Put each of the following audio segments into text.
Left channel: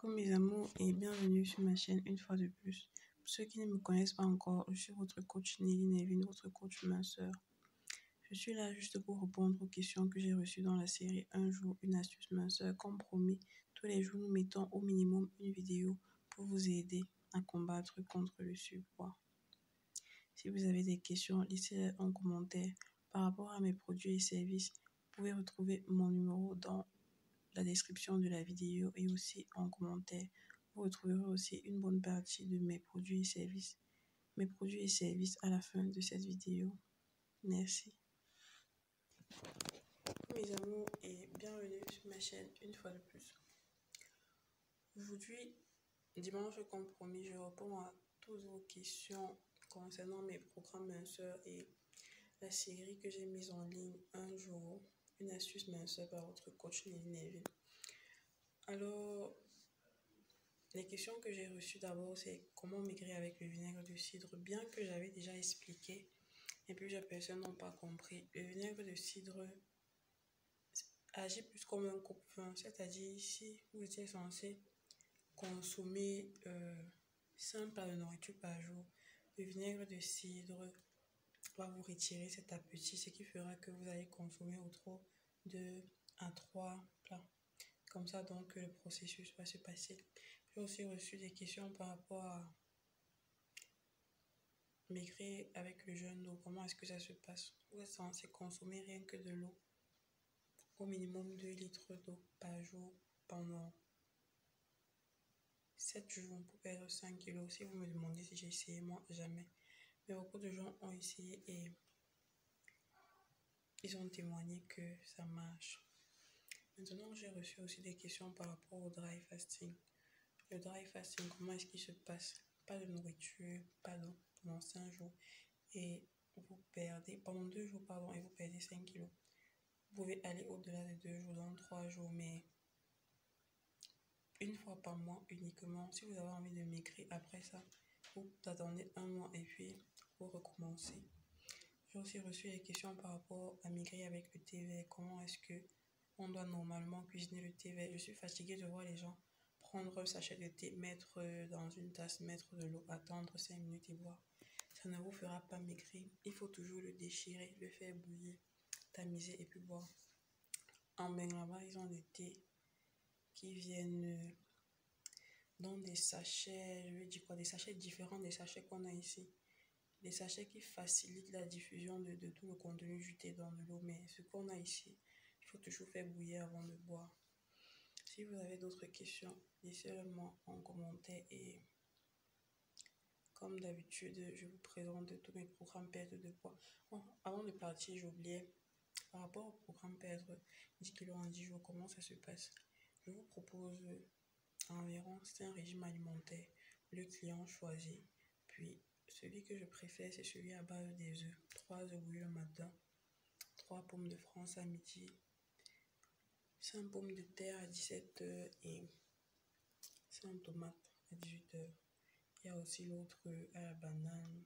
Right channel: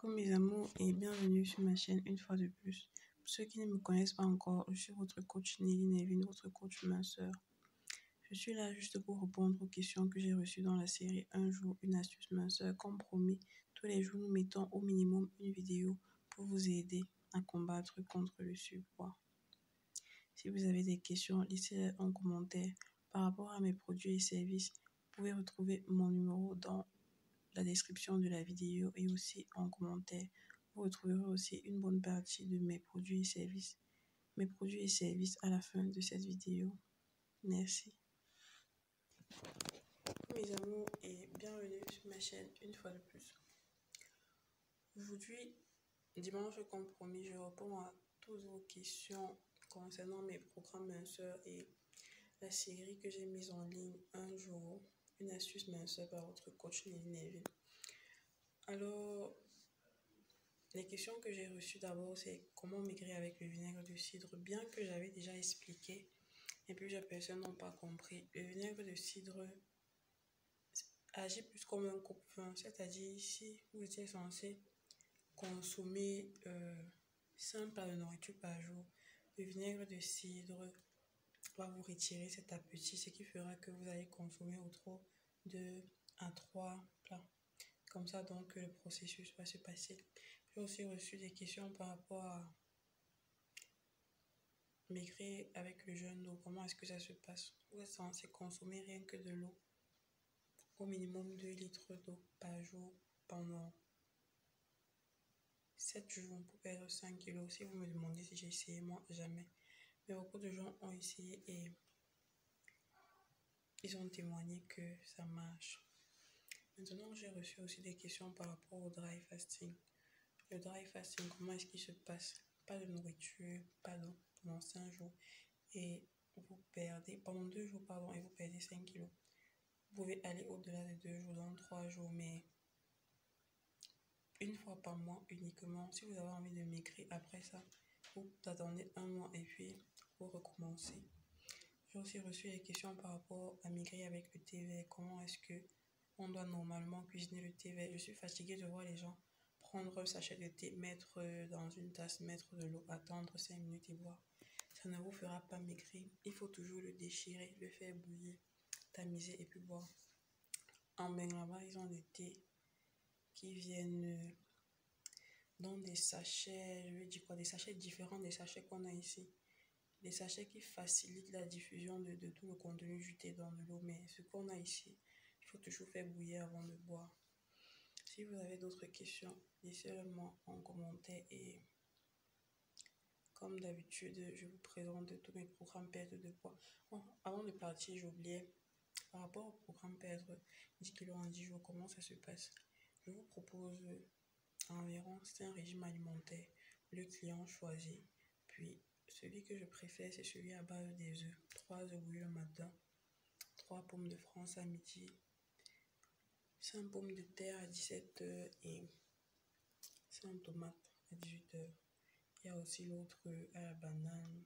Coucou mes amours et bienvenue sur ma chaîne une fois de plus. Pour ceux qui ne me connaissent pas encore, je suis votre coach Nelly Nevin, votre coach minceur. Je suis là juste pour répondre aux questions que j'ai reçues dans la série Un jour, une astuce minceur. Comme promis, tous les jours nous mettons au minimum une vidéo pour vous aider à combattre contre le surpoids. Si vous avez des questions, laissez-les en commentaire. Par rapport à mes produits et services, vous pouvez retrouver mon numéro dans la description de la vidéo et aussi en commentaire. Vous retrouverez aussi une bonne partie de mes produits et services. Mes produits et services à la fin de cette vidéo. Merci. Mes amours et bienvenue sur ma chaîne une fois de plus. Aujourd'hui, dimanche comme promis, je réponds à toutes vos questions concernant mes programmes minceurs et la série que j'ai mise en ligne Un jour, une astuce minceur par votre coach Nelly Nevin. Alors, les questions que j'ai reçues d'abord, c'est comment maigrir avec le vinaigre de cidre, bien que j'avais déjà expliqué, et plusieurs personnes n'ont pas compris. Le vinaigre de cidre agit plus comme un coupe-faim, c'est-à-dire si vous étiez censé consommer 5 plats de nourriture par jour, le vinaigre de cidre va vous retirer cet appétit, ce qui fera que vous allez consommer autour de 2 à 3 plats. Comme ça, donc, le processus va se passer. J'ai aussi reçu des questions par rapport à maigrir avec le jeûne d'eau. Comment est-ce que ça se passe? Vous êtes censé consommer rien que de l'eau, au minimum 2 litres d'eau par jour pendant 7 jours pour perdre 5 kilos. Si vous me demandez si j'ai essayé, moi, jamais. Mais beaucoup de gens ont essayé et ils ont témoigné que ça marche. Maintenant, j'ai reçu aussi des questions par rapport au dry fasting. Le dry fasting, comment est-ce qu'il se passe? Pas de nourriture, pas d'eau pendant 5 jours. Et vous perdez, pendant 2 jours, pardon, et vous perdez 5 kilos. Vous pouvez aller au-delà de 2 jours, dans 3 jours, mais une fois par mois uniquement. Si vous avez envie de maigrir après ça, vous attendez 1 mois et puis vous recommencez. J'ai aussi reçu des questions par rapport à maigrir avec le thé vert. Comment est-ce que on doit normalement cuisiner le thé vert? Je suis fatiguée de voir les gens prendre un sachet de thé, mettre dans une tasse, mettre de l'eau, attendre 5 minutes et boire. Ça ne vous fera pas maigrir. Il faut toujours le déchirer, le faire bouillir, tamiser et puis boire. En Bangladesh, ils ont des thés qui viennent dans des sachets, je veux dire quoi, des sachets différents des sachets qu'on a ici. Des sachets qui facilitent la diffusion de tout le contenu du thé dans de l'eau. Mais ce qu'on a ici, il faut toujours faire bouillir avant de boire. Si vous avez d'autres questions, laissez-le-moi en commentaire et comme d'habitude, je vous présente tous mes programmes perte de poids. Bon, avant de partir, j'oubliais, par rapport au programme perdre 10 kg en 10 jours, comment ça se passe? Je vous propose environ 5 régimes alimentaires. Le client choisit. Puis, celui que je préfère, c'est celui à base des œufs. 3 œufs bouillis le matin, 3 pommes de France à midi, 5 pommes de terre à 17 h et 5 tomates à 18 h. Il y a aussi l'autre à la banane.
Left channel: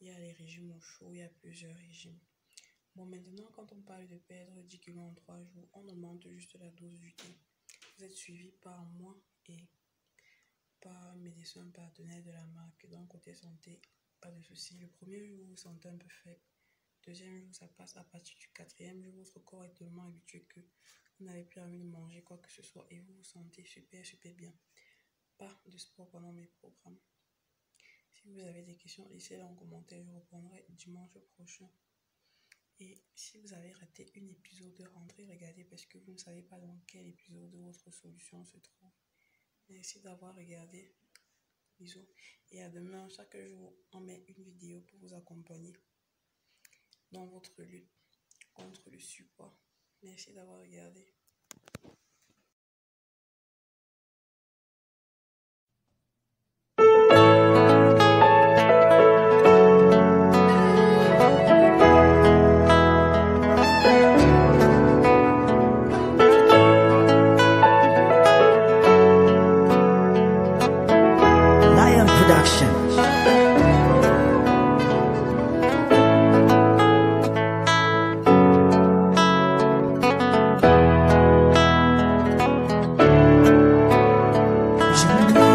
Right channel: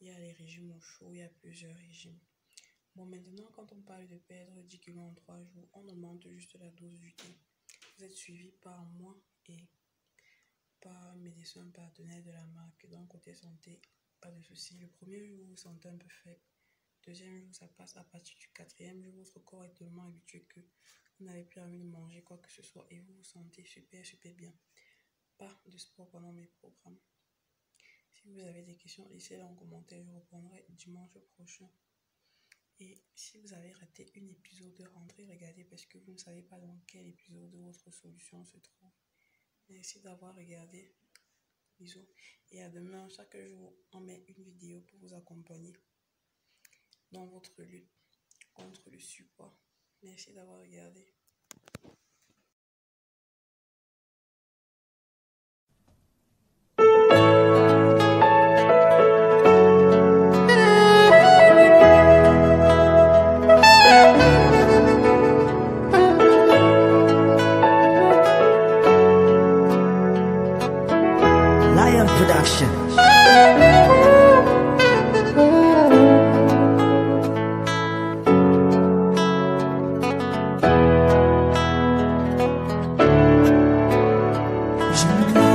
Il y a les régimes au chaud, il y a plusieurs régimes. Bon, maintenant, quand on parle de perdre 10 kg en 3 jours, on augmente juste la dose du thé. Vous êtes suivi par moi et par un médecin partenaire de la marque. Donc, côté santé, pas de souci. Le premier jour, vous vous sentez un peu faible. Deuxième jour, ça passe. À partir du 4e jour, votre corps est tellement habitué que vous n'avez plus envie de manger quoi que ce soit et vous vous sentez super bien. Pas de sport pendant mes programmes. Si vous avez des questions, laissez-les en commentaire. Je répondrai dimanche prochain. Et si vous avez raté un épisode, rentrez regarder parce que vous ne savez pas dans quel épisode votre solution se trouve. Merci d'avoir regardé. Bisous. Et à demain. Chaque jour, on met une vidéo pour vous accompagner dans votre lutte contre le surpoids. Merci d'avoir regardé. Lion Production. Production.